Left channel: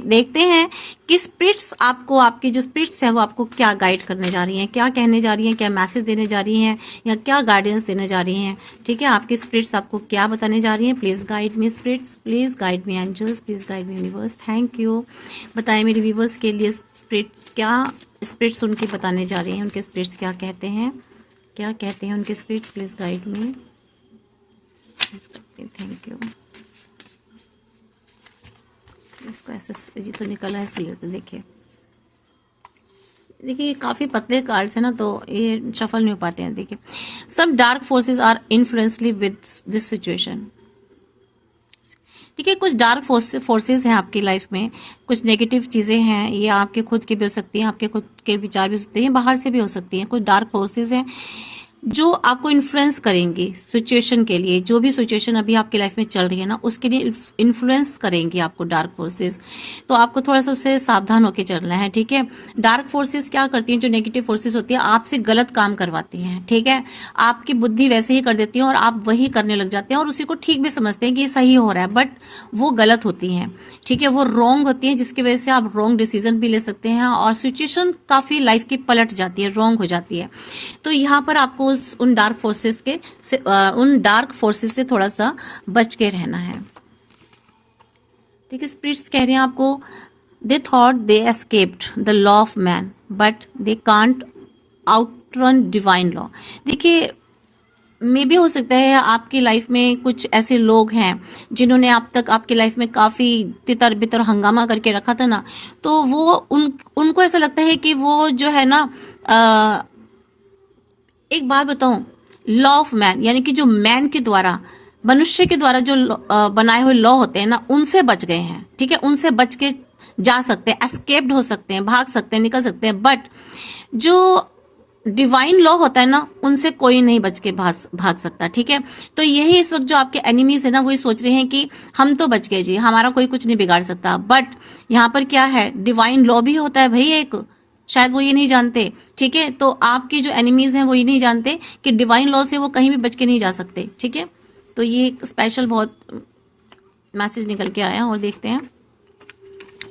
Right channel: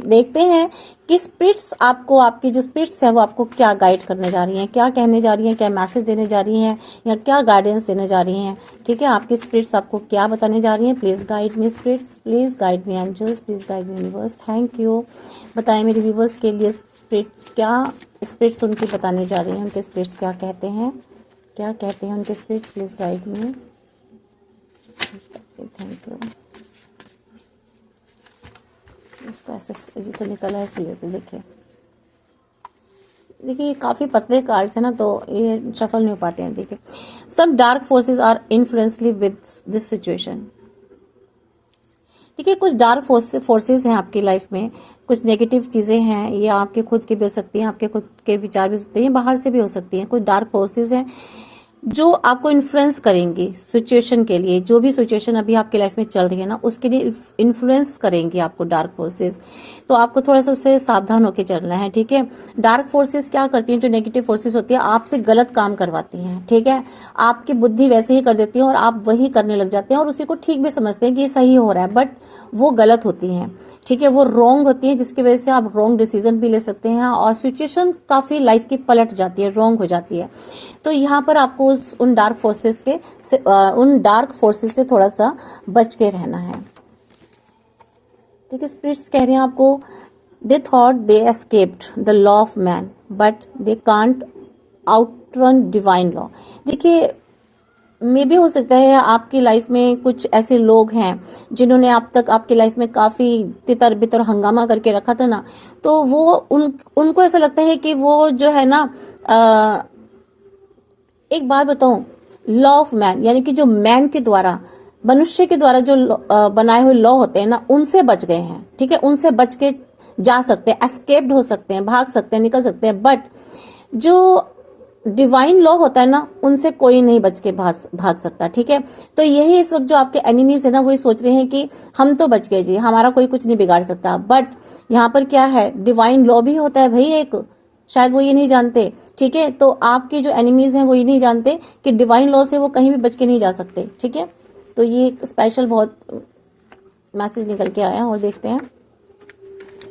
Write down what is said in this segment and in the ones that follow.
देखते हैं कि स्पिरिट्स आपको, आपकी जो स्पिरिट्स है वो आपको क्या गाइड करने जा रही हैं, क्या कहने जा रही हैं, क्या मैसेज देने जा रही हैं या क्या गाइडेंस देने जा रही हैं। ठीक है, आपकी स्पिरिट्स आपको क्या बताने जा रही हैं। Please guide me spirits, please guide me angels, please guide me universe. Thank you. बताएं मेरे व्यूवर्स के लिए स्पिरिट्स क्या, स्पिरिट्स उनकी बताने जा रही हैं, उनके स्पिरिट्स क्या कहते हैं, क्या कहते हैं उनके spirits. Please guide me. Thank you. इसको ऐसे, ये तो निकला है, इसको लेते देखिए। देखिए ये काफ़ी पतले कार्ड्स हैं ना, तो ये शफल नहीं हो पाते हैं। देखिए, some dark forces are influentially with this situation. ठीक है, कुछ डार्क फोर्सेस हैं आपकी लाइफ में, कुछ नेगेटिव चीज़ें हैं, ये आपके खुद की भी हो सकती हैं, आपके खुद के विचार भी हो सकते हैं, बाहर से भी हो सकती हैं। कुछ डार्क फोर्सेस हैं जो आपको इन्फ्लुएंस करेंगी सिचुएशन के लिए, जो भी सिचुएशन अभी आपकी लाइफ में चल रही है ना, उसके लिए इन्फ्लुएंस करेंगी आपको डार्क फोर्सेस। तो आपको थोड़ा सा उससे सावधान होकर चलना है। ठीक है, डार्क फोर्सेस क्या करती हैं, जो नेगेटिव फोर्सेस होती हैं आपसे गलत काम करवाती हैं। ठीक है, आपकी बुद्धि वैसे ही कर देती है और आप वही करने लग जाते हैं और उसी को ठीक भी समझते हैं कि ये सही हो रहा है, बट वो गलत होती हैं। ठीक है, वो रॉन्ग होती है, जिसकी वजह से आप रॉन्ग डिसीजन भी ले सकते हैं और सिचुएशन काफ़ी लाइफ की पलट जाती है, रॉन्ग हो जाती है। तो यहाँ पर आपको उन डार्क फोर्सेस उन डार्क फोर्सेस से थोड़ा सा बच के रहना है। देखिए, स्पिरिट्स कह रहे हैं आपको, they thought they escaped the law of man but they can't outrun divine law. देखिए, मे भी हो सकता है आपकी लाइफ में कुछ ऐसे लोग हैं जिन्होंने अब तक आपकी लाइफ में काफ़ी तितर बितर हंगामा करके रखा था ना, तो वो उनको ऐसा लगता है कि वो जो है ना, एक बात बताऊं, लॉ ऑफ मैन यानी कि जो मैन के द्वारा, मनुष्य के द्वारा जो बनाए हुए लॉ होते हैं ना, उनसे बच गए हैं। ठीक है, उनसे बच के जा सकते हैं, एस्केप्ड हो सकते हैं, भाग सकते हैं, निकल सकते हैं, बट जो डिवाइन लॉ होता है ना, उनसे कोई नहीं बच के भाग सकता। ठीक है, तो यही इस वक्त जो आपके एनिमीज है ना, वो ये सोच रहे हैं कि हम तो बच गए जी, हमारा कोई कुछ नहीं बिगाड़ सकता। बट यहाँ पर क्या है, डिवाइन लॉ भी होता है भाई एक, शायद वो ये नहीं जानते। ठीक है, तो आपके जो एनिमीज हैं वो ये नहीं जानते कि डिवाइन लॉ से वो कहीं भी बच के नहीं जा सकते। ठीक है, तो ये एक स्पेशल बहुत मैसेज निकल के आया और देखते हैं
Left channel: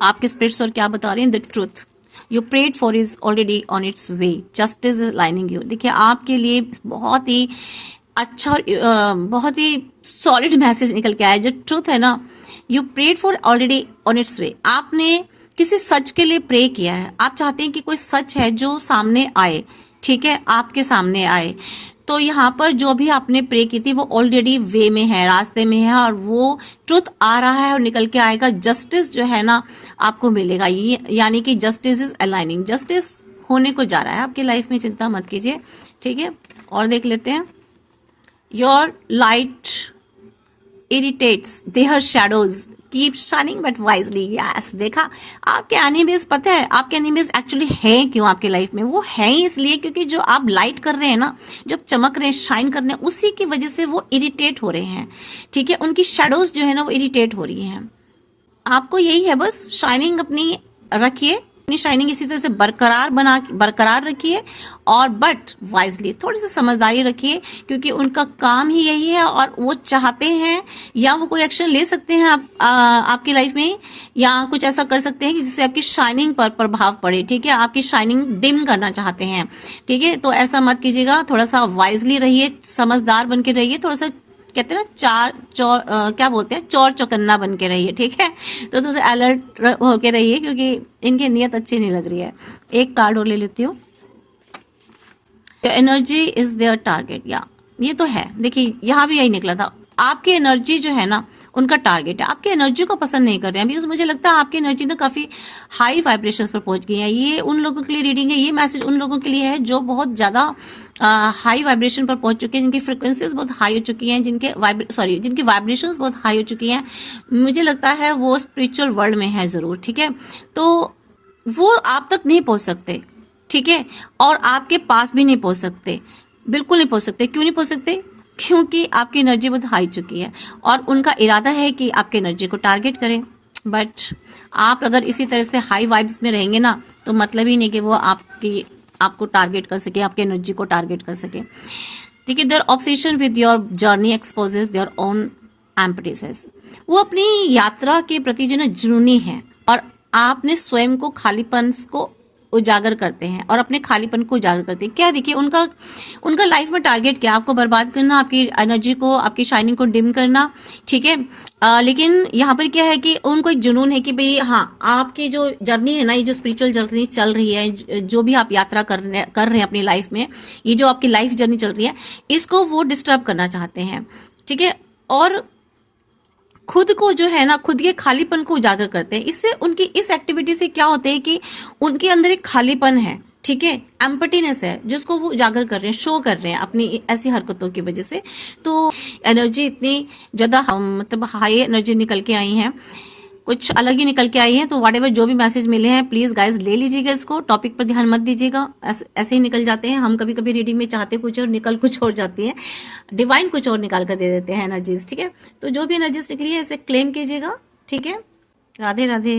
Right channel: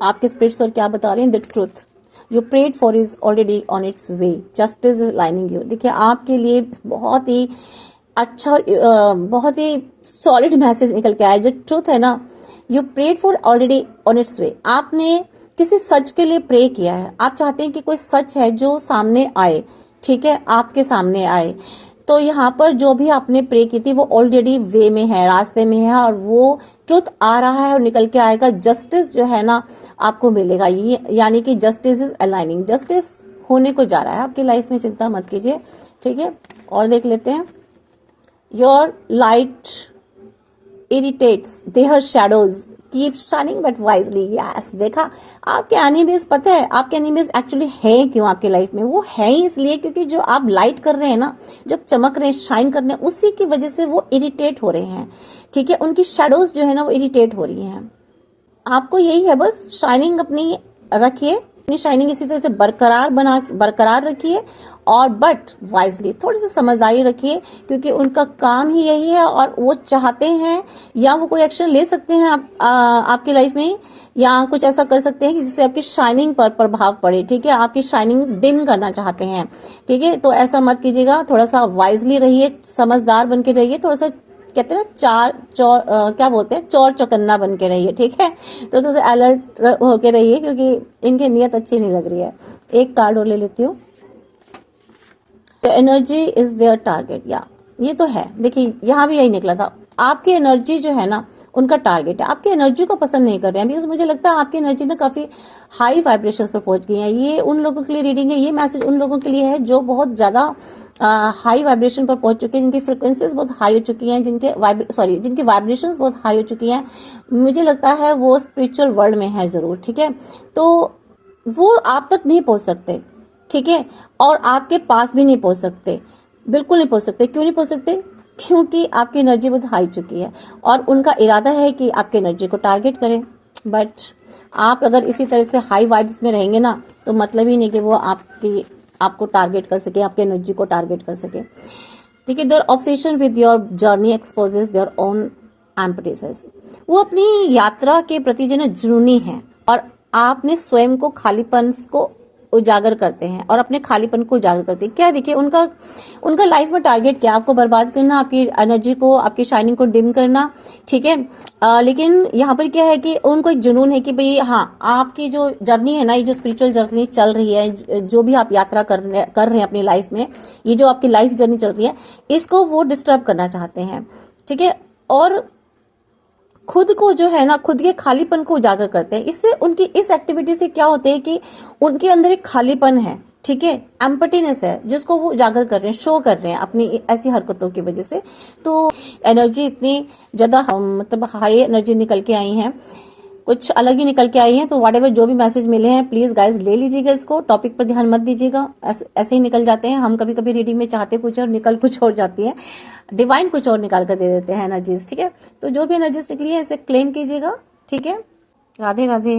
आपके स्पिरिट्स और क्या बता रहे हैं। The truth you prayed for is already on its way, justice is lining you. देखिए, आपके लिए बहुत ही अच्छा और बहुत ही सॉलिड मैसेज निकल के आया। जो ट्रूथ है ना, you prayed for already on its way, आपने किसी सच के लिए प्रे किया है। आप चाहते हैं कि कोई सच है जो सामने आए। ठीक है, आपके सामने आए। तो यहाँ पर जो भी आपने प्रे की थी वो ऑलरेडी वे में है, रास्ते में है, और वो ट्रुथ आ रहा है और निकल के आएगा। जस्टिस जो है ना आपको मिलेगा, ये यानी कि जस्टिस इज अलाइनिंग, जस्टिस होने को जा रहा है आपकी लाइफ में, चिंता मत कीजिए। ठीक है, और देख लेते हैं। Your light irritates there shadows keep shining but wisely. Yes, देखा, आपके एनिमीज, पता है आपके एनिमीज एक्चुअली हैं क्यों आपके लाइफ में, वो हैं इसलिए क्योंकि जो आप लाइट कर रहे हैं ना, जब चमक रहे हैं, शाइन कर रहे हैं, उसी की वजह से वो इरिटेट हो रहे हैं। ठीक है, उनकी शेडोज जो है ना वो इरिटेट हो रही हैं। आपको यही है, बस शाइनिंग अपनी रखिए, अपनी शाइनिंग इसी तरह से बरकरार रखिए, और बट वाइजली, थोड़ी सी समझदारी रखिए, क्योंकि उनका काम ही यही है और वो चाहते हैं, या वो कोई एक्शन ले सकते हैं आपकी लाइफ में, या कुछ ऐसा कर सकते हैं कि जिससे आपकी शाइनिंग पर प्रभाव पड़े। ठीक है, आपकी शाइनिंग डिम करना चाहते हैं। ठीक है, तो ऐसा मत कीजिएगा, थोड़ा सा वाइजली रहिए, समझदार बन के रहिए, थोड़ा सा कहते हैं ना क्या बोलते हैं, चौर चौकन्ना बन के रहिए। ठीक है, तो थोड़ा सा अलर्ट होके रहिए, क्योंकि इनकी नीयत अच्छी नहीं लग रही है। एक कार्ड और ले लेती हूँ। एनर्जी इज देयर टारगेट, या ये तो है। देखिए, यहाँ भी यही निकला था, आपकी एनर्जी जो है ना उनका टारगेट है। आपकी एनर्जी को पसंद नहीं कर रहे हैं बिकॉज मुझे लगता है आपकी एनर्जी ना काफ़ी हाई वाइब्रेशंस पर पहुंच गई है। ये उन लोगों के लिए रीडिंग है, ये मैसेज उन लोगों के लिए है जो बहुत ज़्यादा हाई वाइब्रेशन पर पहुंच चुके हैं, जिनकी फ्रिक्वेंसीज बहुत हाई हो चुकी हैं, जिनके वाइब्रेशंस बहुत हाई हो चुकी हैं। मुझे लगता है वो स्पिरिचुअल वर्ल्ड में है ज़रूर। ठीक है, तो वो आप तक नहीं पहुँच सकते। ठीक है, और आपके पास भी नहीं पहुँच सकते, बिल्कुल नहीं पहुँच सकते। क्यों नहीं पहुँच सकते? क्योंकि आपकी एनर्जी बहुत हाई चुकी है और उनका इरादा है कि आपकी एनर्जी को टारगेट करें। बट आप अगर इसी तरह से हाई वाइब्स में रहेंगे ना, तो मतलब ही नहीं कि वो आपको टारगेट कर सके, आपकी एनर्जी को टारगेट कर सके। ठीक है, there obsession with your journey exposes their own emptiness. वो अपनी यात्रा के प्रति जो ना जुनूनी है और आपने स्वयं को खालीपन को उजागर करते हैं और अपने खालीपन को उजागर करते हैं। क्या देखिए उनका उनका लाइफ में टारगेट क्या, आपको बर्बाद करना, आपकी एनर्जी को, आपकी शाइनिंग को डिम करना, ठीक है। लेकिन यहाँ पर क्या है कि उनको एक जुनून है कि भाई हाँ, आपकी जो जर्नी है ना, ये जो स्पिरिचुअल जर्नी चल रही है, जो भी आप यात्रा कर रहे हैं अपनी लाइफ में, ये जो आपकी लाइफ जर्नी चल रही है, इसको वो डिस्टर्ब करना चाहते हैं, ठीक है। और खुद को जो है ना, खुद के खालीपन को उजागर करते हैं। इससे उनकी इस एक्टिविटी से क्या होता है कि उनके अंदर एक खालीपन है, ठीक है, एम्पटीनेस है, जिसको वो उजागर कर रहे हैं, शो कर रहे हैं अपनी ऐसी हरकतों की वजह से। तो एनर्जी इतनी ज्यादा मतलब हाई एनर्जी निकल के आई हैं, कुछ अलग ही निकल के आई है। तो व्हाटएवर जो भी मैसेज मिले हैं प्लीज गाइस ले लीजिएगा इसको, टॉपिक पर ध्यान मत दीजिएगा, ऐसे ही निकल जाते हैं। हम कभी कभी रीडिंग में चाहते कुछ और निकल कुछ और जाती है, डिवाइन कुछ और निकाल कर दे देते हैं एनर्जीज, ठीक है। तो जो भी एनर्जीज निकली है इसे क्लेम कीजिएगा, ठीक है। राधे राधे।